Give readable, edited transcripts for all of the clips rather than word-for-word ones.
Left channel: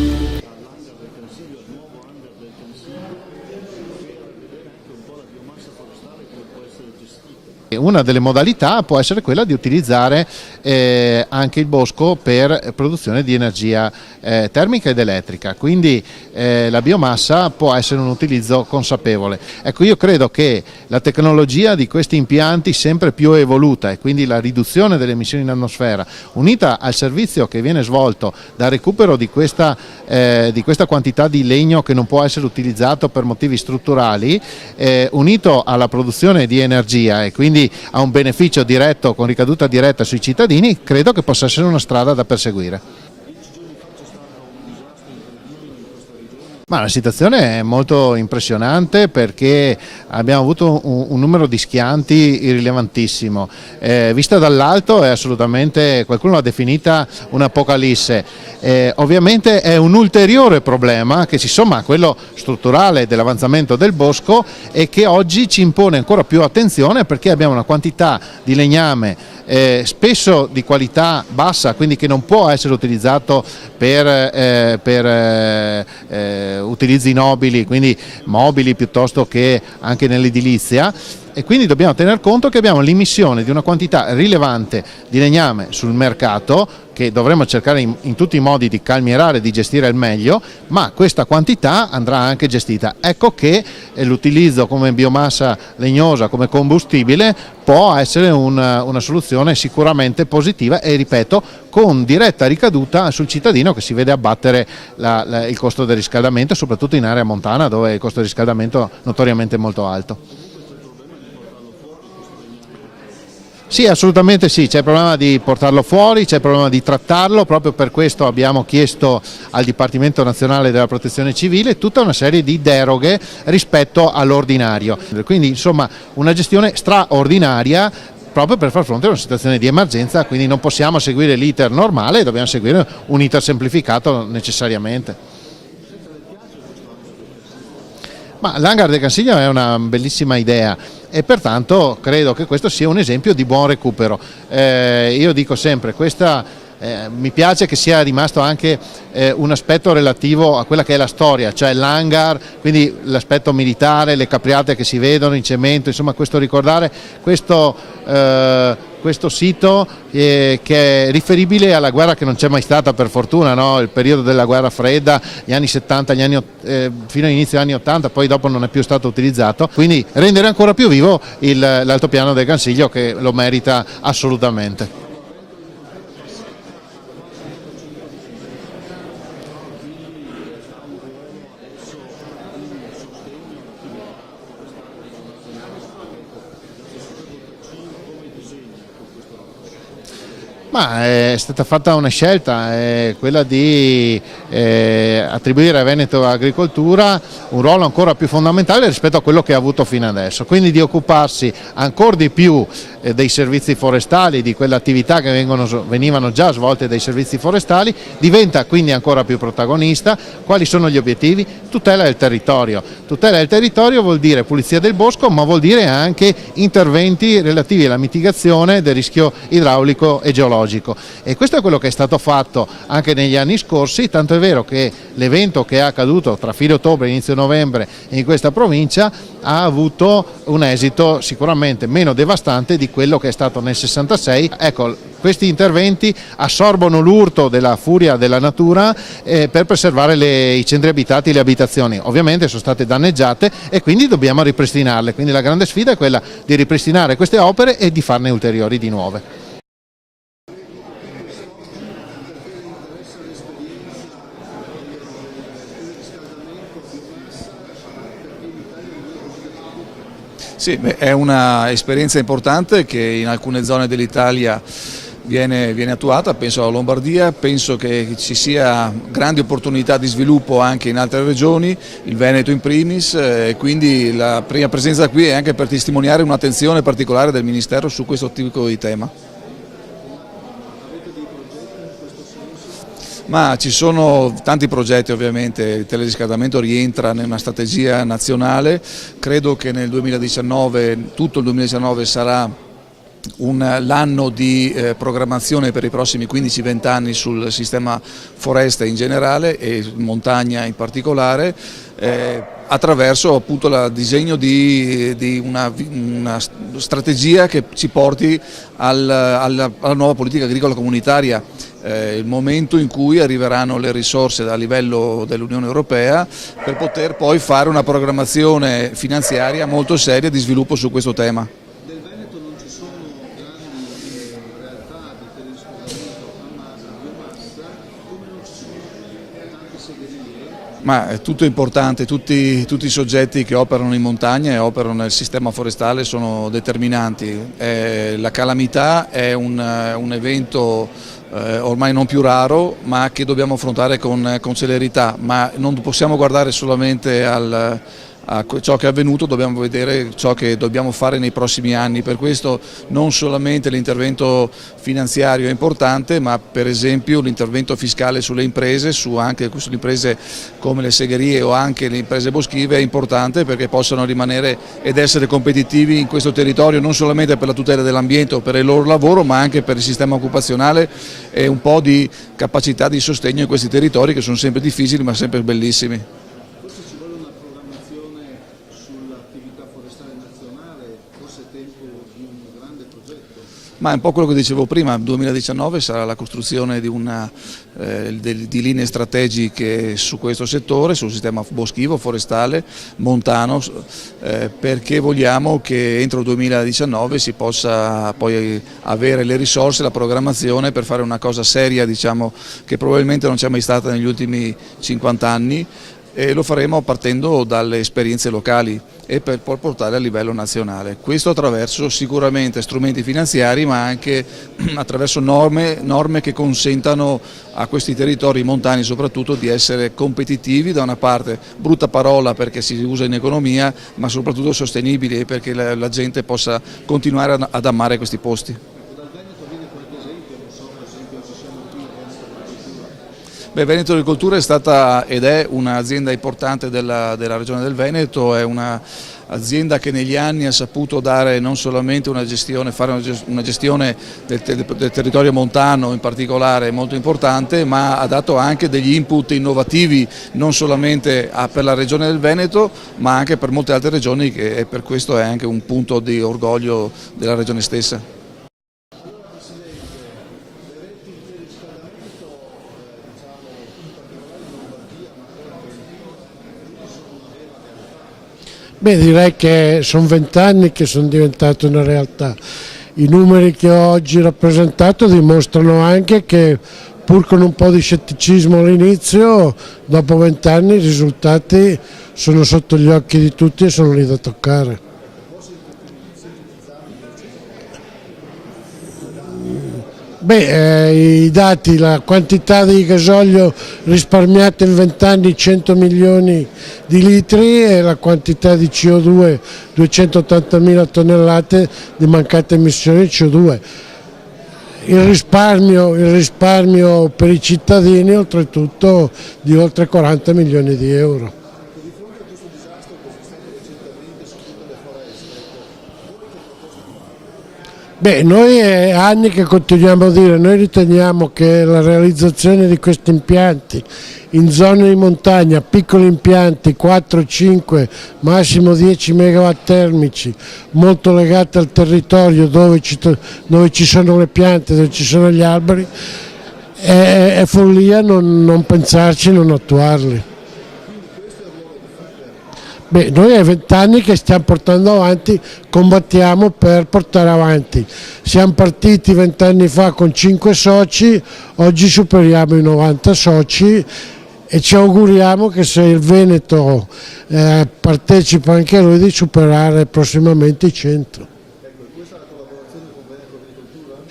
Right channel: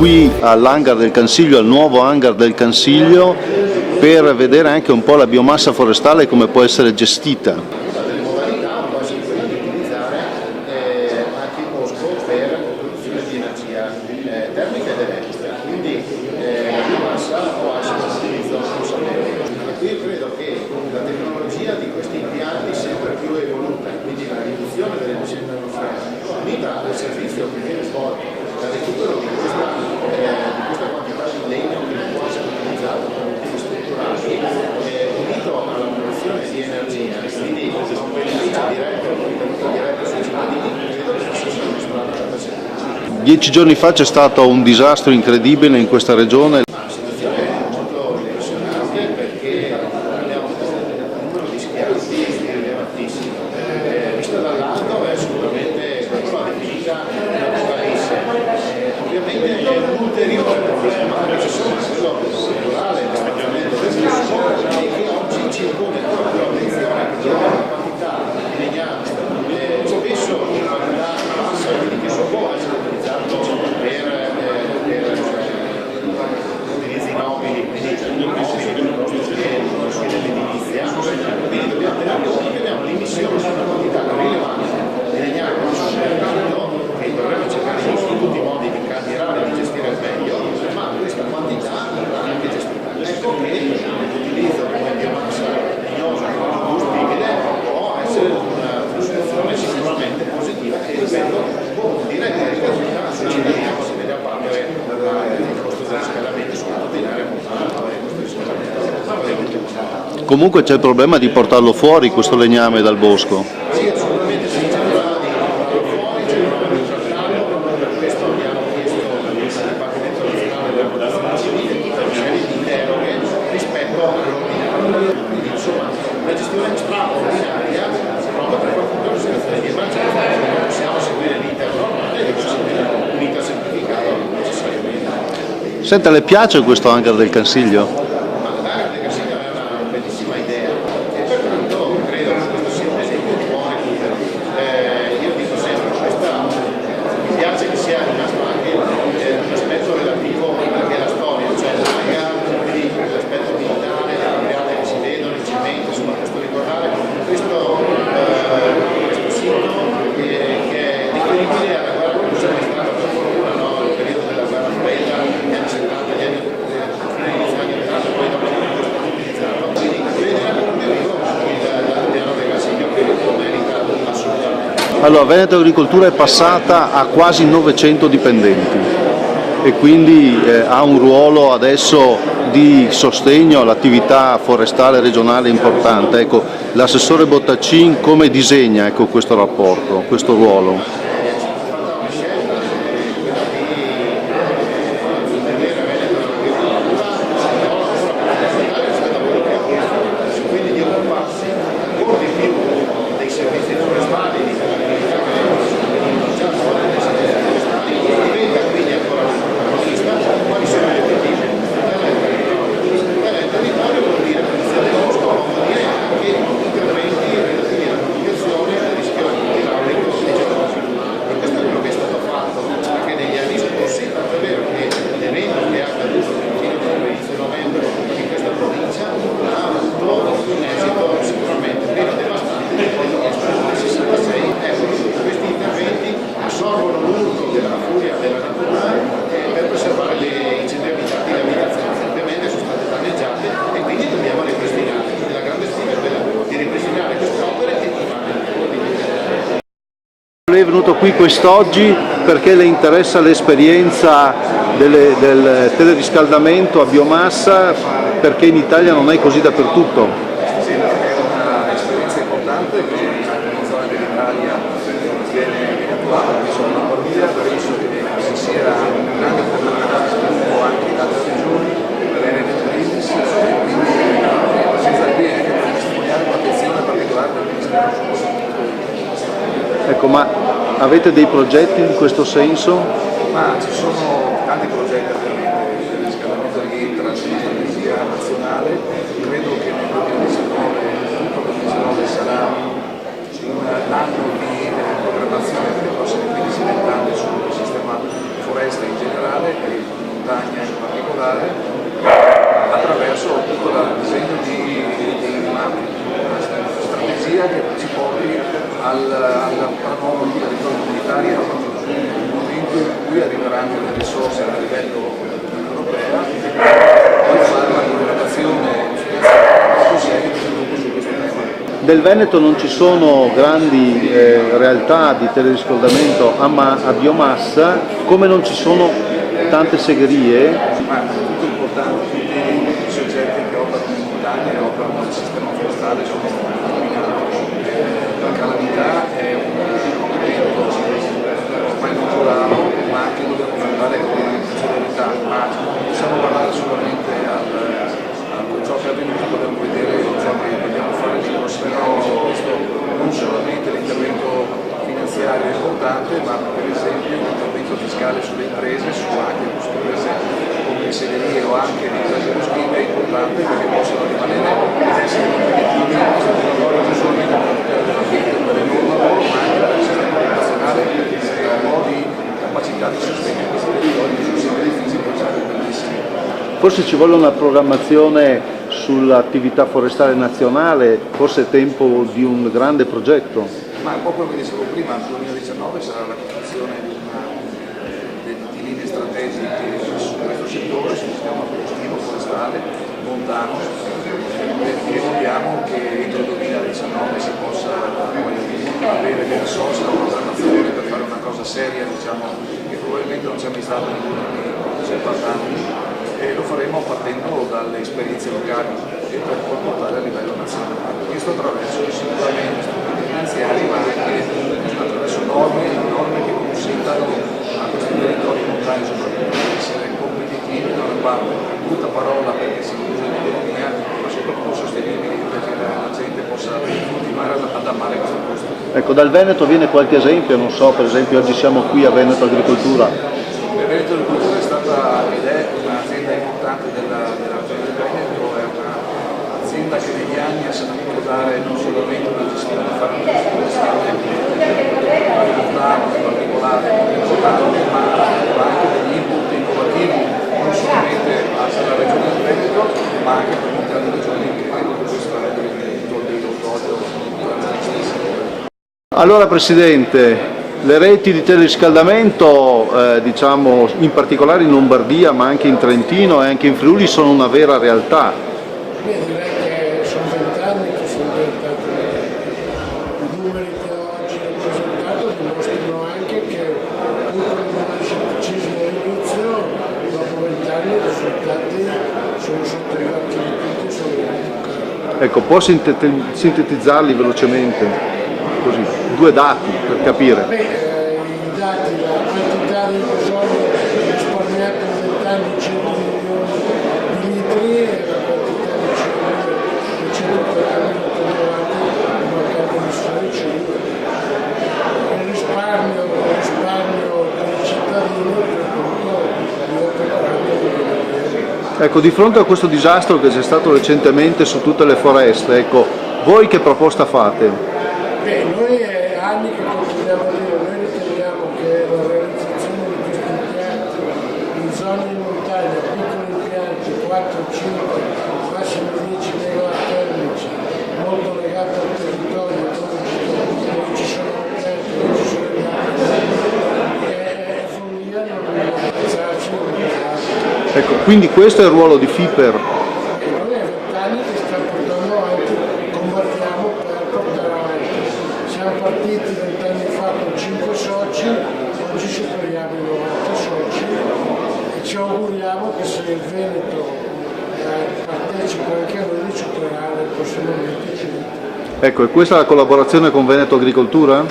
qui all'hangar del Cansiglio, al nuovo hangar del Cansiglio, per vedere anche un po' la biomassa forestale e come può essere gestita. Una delle modalità può essere quella di utilizzare anche il bosco per produzione di energia termica ed elettrica, quindi la biomassa può essere un utilizzo consapevole. Ecco, io credo che la tecnologia di questi impianti sempre più evoluta e quindi la riduzione delle emissioni in atmosfera, unita al servizio che viene svolto dal recupero di questa quantità di legno che non può essere utilizzato per motivi strutturali, unito alla produzione di energia e quindi a un beneficio diretto con ricaduta diretta sui cittadini, credo che possa essere una strada da perseguire. 10 giorni fa c'è stato un disastro incredibile in questa regione. Ma la situazione è molto impressionante perché abbiamo avuto un numero di schianti irrilevantissimo. Vista dall'alto è assolutamente, qualcuno l'ha definita un'apocalisse. Ovviamente è un ulteriore problema che si somma a quello strutturale dell'avanzamento del bosco e che oggi ci impone ancora più attenzione perché abbiamo una quantità di legname spesso di qualità bassa, quindi che non può essere utilizzato per utilizzi nobili, quindi mobili piuttosto che anche nell'edilizia, e quindi dobbiamo tener conto che abbiamo l'immissione di una quantità rilevante di legname sul mercato che dovremo cercare in tutti i modi di calmierare, di gestire al meglio, ma questa quantità andrà anche gestita. Ecco che l'utilizzo come biomassa legnosa, come combustibile, può essere una soluzione sicuramente positiva e, ripeto, con diretta ricaduta sul cittadino che si vede abbattere il costo del riscaldamento, soprattutto in area montana dove il costo del riscaldamento è notoriamente molto alto. Comunque c'è il problema di portarlo fuori questo legname dal bosco? Sì, assolutamente sì, c'è il problema di portarlo fuori, c'è il problema di trattarlo, proprio per questo abbiamo chiesto al Dipartimento Nazionale della Protezione Civile tutta una serie di deroghe rispetto all'ordinario, quindi insomma una gestione straordinaria proprio per far fronte a una situazione di emergenza, quindi non possiamo seguire l'iter normale, dobbiamo seguire un iter semplificato necessariamente. Senta, le piace questo hangar del Cansiglio? Ma l'hangar del Cansiglio è una bellissima idea e pertanto credo che questo sia un esempio di buon recupero. Io dico sempre, mi piace che sia rimasto anche un aspetto relativo a quella che è la storia, cioè l'hangar, quindi l'aspetto militare, le capriate che si vedono in cemento, insomma ricordare questo sito che è riferibile alla guerra che non c'è mai stata per fortuna, no? Il periodo della guerra fredda, gli anni 70, fino all'inizio degli anni 80, poi dopo non è più stato utilizzato, quindi rendere ancora più vivo l'altopiano del Cansiglio che lo merita assolutamente. Allora, Veneto Agricoltura è passata a quasi 900 dipendenti e quindi ha un ruolo adesso di sostegno all'attività forestale regionale importante. Ecco, l'assessore Bottacin come disegna questo rapporto, questo ruolo? È stata fatta una scelta, quella di attribuire a Veneto Agricoltura un ruolo ancora più fondamentale rispetto a quello che ha avuto fino adesso, quindi di occuparsi ancora di più dei servizi forestali, di quelle attività che venivano già svolte dai servizi forestali, diventa quindi ancora più protagonista. Quali sono gli obiettivi? Tutela del territorio. Tutela del territorio vuol dire pulizia del bosco, ma vuol dire anche interventi relativi alla mitigazione del rischio idraulico e geologico. E questo è quello che è stato fatto anche negli anni scorsi, tanto è vero che l'evento che è accaduto tra fine ottobre e inizio novembre in questa provincia ha avuto un esito sicuramente meno devastante di quello che è stato nel 66. Ecco, questi interventi assorbono l'urto della furia della natura per preservare i centri abitati, le abitazioni. Ovviamente sono state danneggiate e quindi dobbiamo ripristinarle, quindi la grande sfida è quella di ripristinare queste opere e di farne ulteriori di nuove. Lei è venuto qui quest'oggi perché le interessa l'esperienza del teleriscaldamento a biomassa, perché in Italia non è così dappertutto. Sì, è un'esperienza importante che in alcune zone dell'Italia viene attuata, penso alla Lombardia, penso che ci sia grande opportunità di sviluppo anche in altre regioni, il Veneto in primis, e quindi la prima presenza qui è anche per testimoniare un'attenzione particolare del Ministero su questo tipo di tema. Ecco, ma avete dei progetti in questo senso? Ma ci sono tanti progetti ovviamente, il teleriscaldamento rientra nella strategia nazionale, credo che nel 2019, tutto il 2019 sarà l'anno di programmazione per i prossimi 15-20 anni sul sistema foreste in generale e montagna in particolare, attraverso appunto il disegno di una strategia che ci porti alla nuova politica agricola comunitaria. Il momento in cui arriveranno le risorse a livello dell'Unione Europea per poter poi fare una programmazione finanziaria molto seria di sviluppo su questo tema. Del Veneto non ci sono grandi realtà di teleriscaldamento a biomassa, come non ci sono tante segherie. Ma è tutto importante, tutti i soggetti che operano in montagna e operano nel sistema forestale sono determinanti. La calamità è un evento ormai non più raro, ma che dobbiamo affrontare con celerità, ma non possiamo guardare solamente a ciò che è avvenuto, dobbiamo vedere ciò che dobbiamo fare nei prossimi anni. Per questo non solamente l'intervento finanziario è importante, ma per esempio l'intervento fiscale sulle imprese, anche su imprese come le segherie o anche le imprese boschive è importante perché possano rimanere ed essere competitivi in questo territorio, non solamente per la tutela dell'ambiente o per il loro lavoro, ma anche per il sistema occupazionale e un po' di capacità di sostegno in questi territori che sono sempre difficili ma sempre bellissimi. Forse ci vuole una programmazione sull'attività forestale nazionale, forse è tempo di un grande progetto. Ma è un po' quello che dicevo prima, il 2019 sarà la costruzione di linee strategiche su questo settore, sul sistema boschivo, forestale, montano, perché vogliamo che entro il 2019 si possa poi avere le risorse, la programmazione per fare una cosa seria, diciamo, che probabilmente non c'è mai stata negli ultimi 50 anni. E lo faremo partendo dalle esperienze locali e per poi portare a livello nazionale. Questo attraverso sicuramente strumenti finanziari ma anche attraverso norme che consentano a questi territori montani soprattutto di essere competitivi, da una parte, brutta parola perché si usa in economia, ma soprattutto sostenibili perché la gente possa continuare ad amare questi posti. Ecco, dal Veneto viene qualche esempio, non so, per esempio oggi siamo qui a Veneto Agricoltura. Veneto Agricoltura è stata ed è un'azienda importante della Regione del Veneto, è un'azienda che negli anni ha saputo dare non solamente fare una gestione del territorio montano in particolare molto importante, ma ha dato anche degli input innovativi non solamente per la Regione del Veneto ma anche per molte altre regioni e per questo è anche un punto di orgoglio della Regione stessa. Allora Presidente, le reti di teleriscaldamento, diciamo in particolare in Lombardia ma anche in Trentino e anche in Friuli sono una vera realtà. Beh, direi che sono 20 anni che sono diventate una realtà. I numeri che ho oggi rappresentato dimostrano anche che pur con un po' di scetticismo all'inizio, dopo 20 anni i risultati sono sotto gli occhi di tutti e sono lì da toccare. Ecco, può sintetizzarli velocemente, così, 2 dati per capire. Beh, i dati, la quantità di gasolio risparmiato in 20 anni 100 milioni di litri e la quantità di CO2 280.000 tonnellate di mancate emissioni di CO2. Il risparmio per i cittadini oltretutto di oltre 40 milioni di euro. Ecco, di fronte a questo disastro che c'è stato recentemente su tutte le foreste, ecco, voi che proposta fate? Beh, noi è anni che continuiamo a dire, noi riteniamo che la realizzazione di questi impianti in zone di montagna, piccoli impianti, 4, 5, massimo 10 megawatt termici, molto legati al territorio dove ci sono le piante, dove ci sono gli alberi, è follia non pensarci, non attuarli. Ecco, quindi questo è il ruolo di FIPER. Beh, noi è 20 anni che stiamo portando avanti, combattiamo per portare avanti. Siamo partiti 20 anni fa con 5 soci, oggi superiamo i 90 soci e ci auguriamo che se il Veneto partecipa anche lui di superare prossimamente i 100. Ecco, e questa è la collaborazione con Veneto Agricoltura?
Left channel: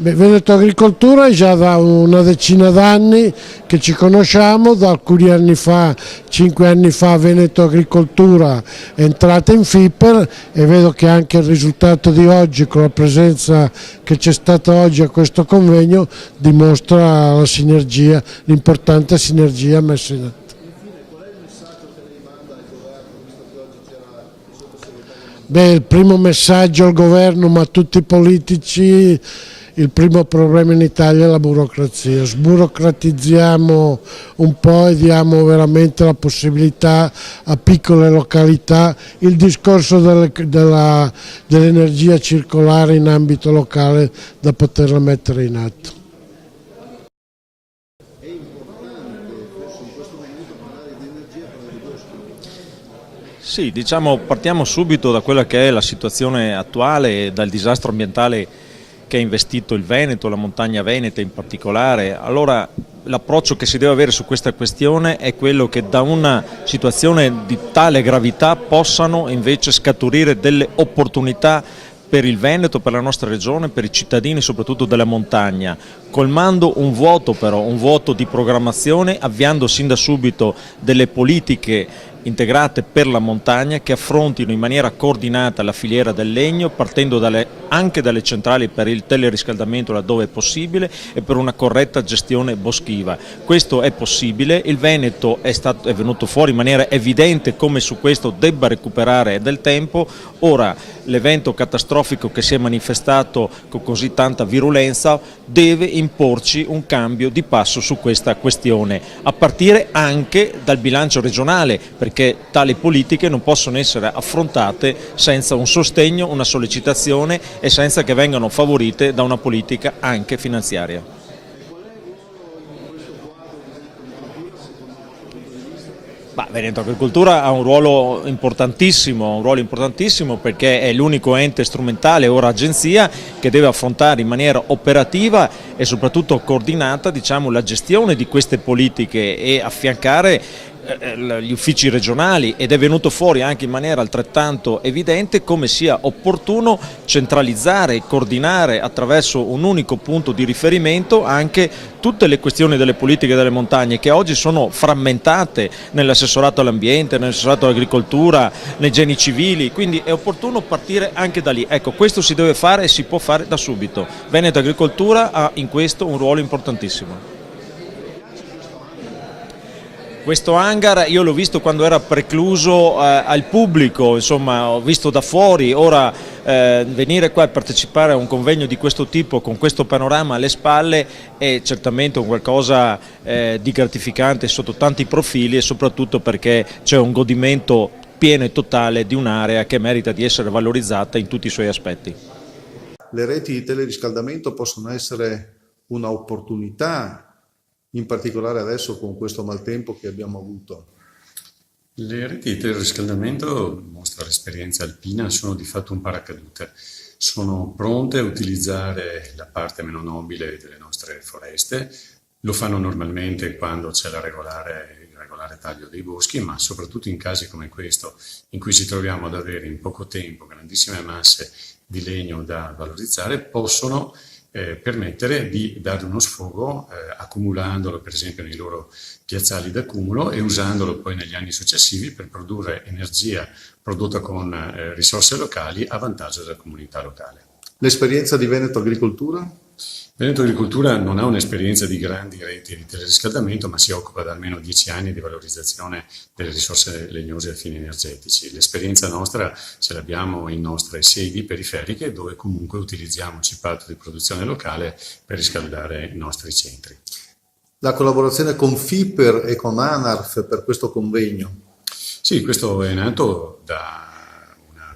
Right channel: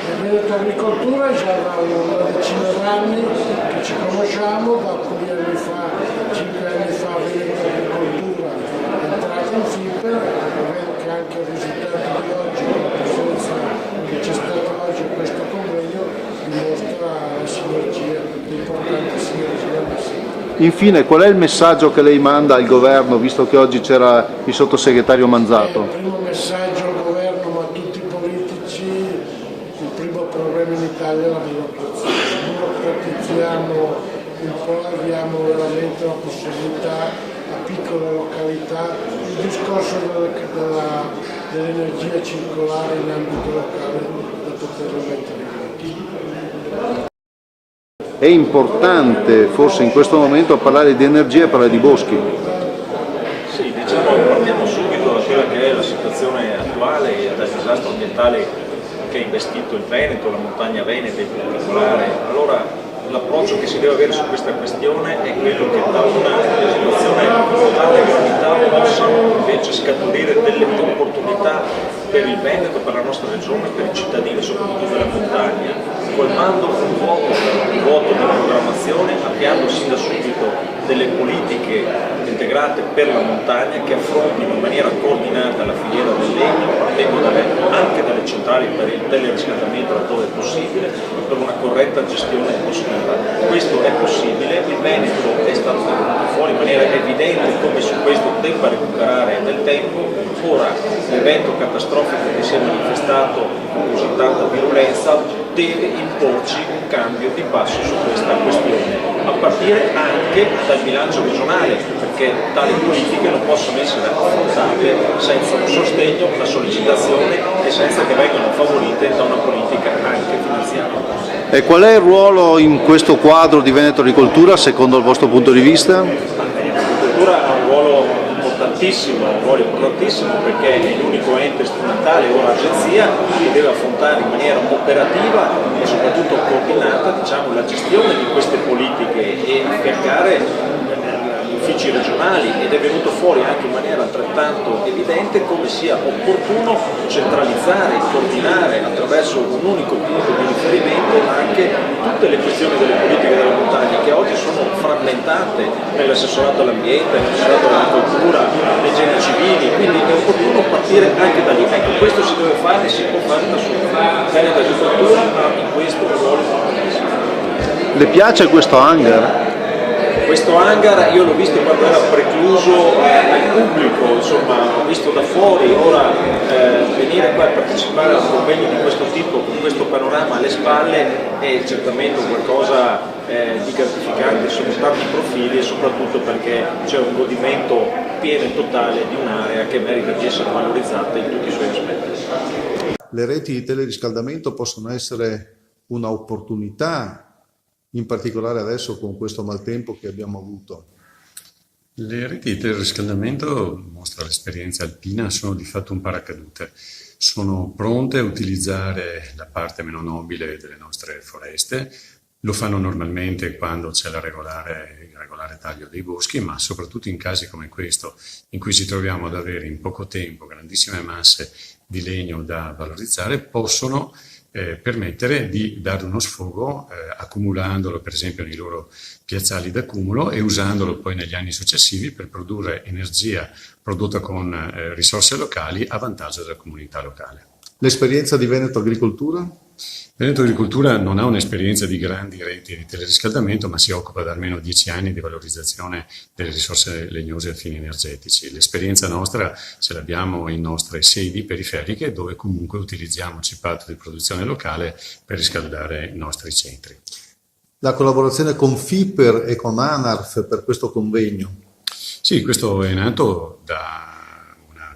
Beh, Veneto Agricoltura è già da una decina d'anni che ci conosciamo, da alcuni anni fa, 5 anni fa Veneto Agricoltura è entrata in FIPER e vedo che anche il risultato di oggi con la presenza che c'è stata oggi a questo convegno dimostra la sinergia, l'importante sinergia messa in atto. Infine, qual è il messaggio che lei manda al governo, visto che oggi c'era il sottosegretario Manzato? Il primo messaggio al governo, ma a tutti i politici, il primo problema in Italia è la burocrazia. Sburocratizziamo un po' e diamo veramente la possibilità a piccole località. Il discorso dell'energia circolare in ambito locale da poterla mettere in atto. È importante forse in questo momento parlare di energia e parlare di boschi. Sì, diciamo partiamo subito da quella che è la situazione attuale e dal disastro ambientale che ha investito il Veneto, la montagna veneta in particolare. Allora l'approccio che si deve avere su questa questione è quello che da una situazione di tale gravità possano invece scaturire delle opportunità per il Veneto, per la nostra regione, per i cittadini soprattutto della montagna, colmando un vuoto però, un vuoto di programmazione, avviando sin da subito delle politiche integrate per la montagna che affrontino in maniera coordinata la filiera del legno, partendo anche dalle centrali per il teleriscaldamento laddove è possibile e per una corretta gestione boschiva. Questo è possibile, il Veneto è venuto fuori in maniera evidente come su questo debba recuperare del tempo. Ora l'evento catastrofico che si è manifestato con così tanta virulenza deve imporci un cambio di passo su questa questione, a partire anche dal bilancio regionale, perché tali politiche non possono essere affrontate senza un sostegno, una sollecitazione e senza che vengano favorite da una politica anche finanziaria. E qual è il ruolo in questo quadro di Veneto Agricoltura secondo il vostro punto di vista? Veneto Agricoltura ha un ruolo importantissimo perché è l'unico ente strumentale, ora agenzia, che deve affrontare in maniera operativa e soprattutto coordinata, diciamo, la gestione di queste politiche e affiancare gli uffici regionali, ed è venuto fuori anche in maniera altrettanto evidente come sia opportuno centralizzare e coordinare attraverso un unico punto di riferimento anche tutte le questioni delle politiche delle montagne che oggi sono frammentate nell'assessorato all'ambiente, nell'assessorato all'agricoltura, nei geni civili, quindi è opportuno partire anche da lì. Ecco, questo si deve fare e si può fare da subito. Veneto Agricoltura ha in questo un ruolo importantissimo. Le piace questo hangar? Questo hangar io l'ho visto quando era precluso al pubblico, insomma ho visto da fuori, ora venire qua a partecipare a un convegno di questo tipo con questo panorama alle spalle è certamente qualcosa di gratificante sotto tanti profili e soprattutto perché c'è un godimento pieno e totale di un'area che merita di essere valorizzata in tutti i suoi aspetti. Le reti di teleriscaldamento possono essere un'opportunità, in particolare adesso con questo maltempo che abbiamo avuto. Le reti di teleriscaldamento, mostra l'esperienza alpina, sono di fatto un paracadute. Sono pronte a utilizzare la parte meno nobile delle nostre foreste, lo fanno normalmente quando c'è il regolare taglio dei boschi, ma soprattutto in casi come questo, in cui ci troviamo ad avere in poco tempo grandissime masse di legno da valorizzare, possono permettere di dare uno sfogo accumulandolo per esempio nei loro piazzali d'accumulo e usandolo poi negli anni successivi per produrre energia prodotta con risorse locali a vantaggio della comunità locale. L'esperienza di Veneto Agricoltura? Veneto Agricoltura non ha un'esperienza di grandi reti di teleriscaldamento, ma si occupa da almeno 10 anni di valorizzazione delle risorse legnose a fini energetici. L'esperienza nostra ce l'abbiamo in nostre sedi periferiche, dove comunque utilizziamo cipato di produzione locale per riscaldare i nostri centri. La collaborazione con FIPER e con ANARF per questo convegno? Sì, questo è nato da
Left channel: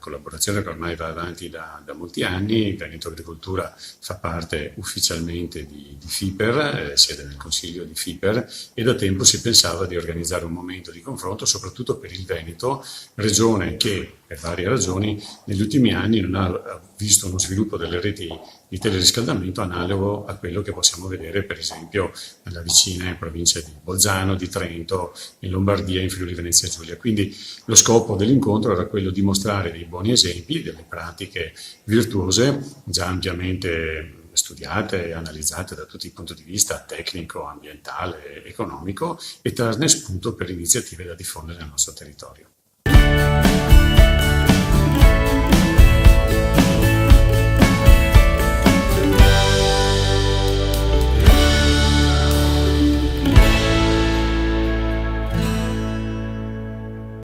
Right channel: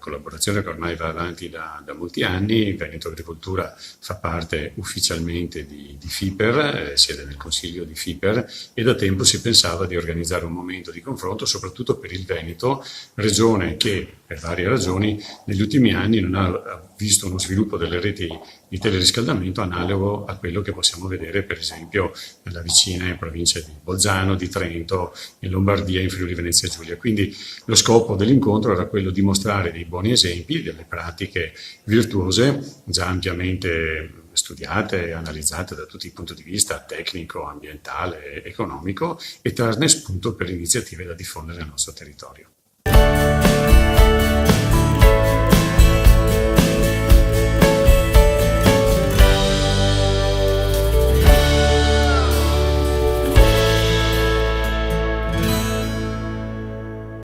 collaborazione che ormai va avanti da molti anni. Veneto Agricoltura fa parte ufficialmente di FIPER, siede nel consiglio di FIPER e da tempo si pensava di organizzare un momento di confronto soprattutto per il Veneto, regione che per varie ragioni negli ultimi anni non ha visto uno sviluppo delle reti di teleriscaldamento analogo a quello che possiamo vedere per esempio nella vicina provincia di Bolzano, di Trento, in Lombardia, in Friuli Venezia Giulia. Quindi lo scopo dell'incontro era quello di mostrare dei buoni esempi, delle pratiche virtuose già ampiamente studiate e analizzate da tutti i punti di vista tecnico, ambientale, economico e trarne spunto per iniziative da diffondere nel nostro territorio.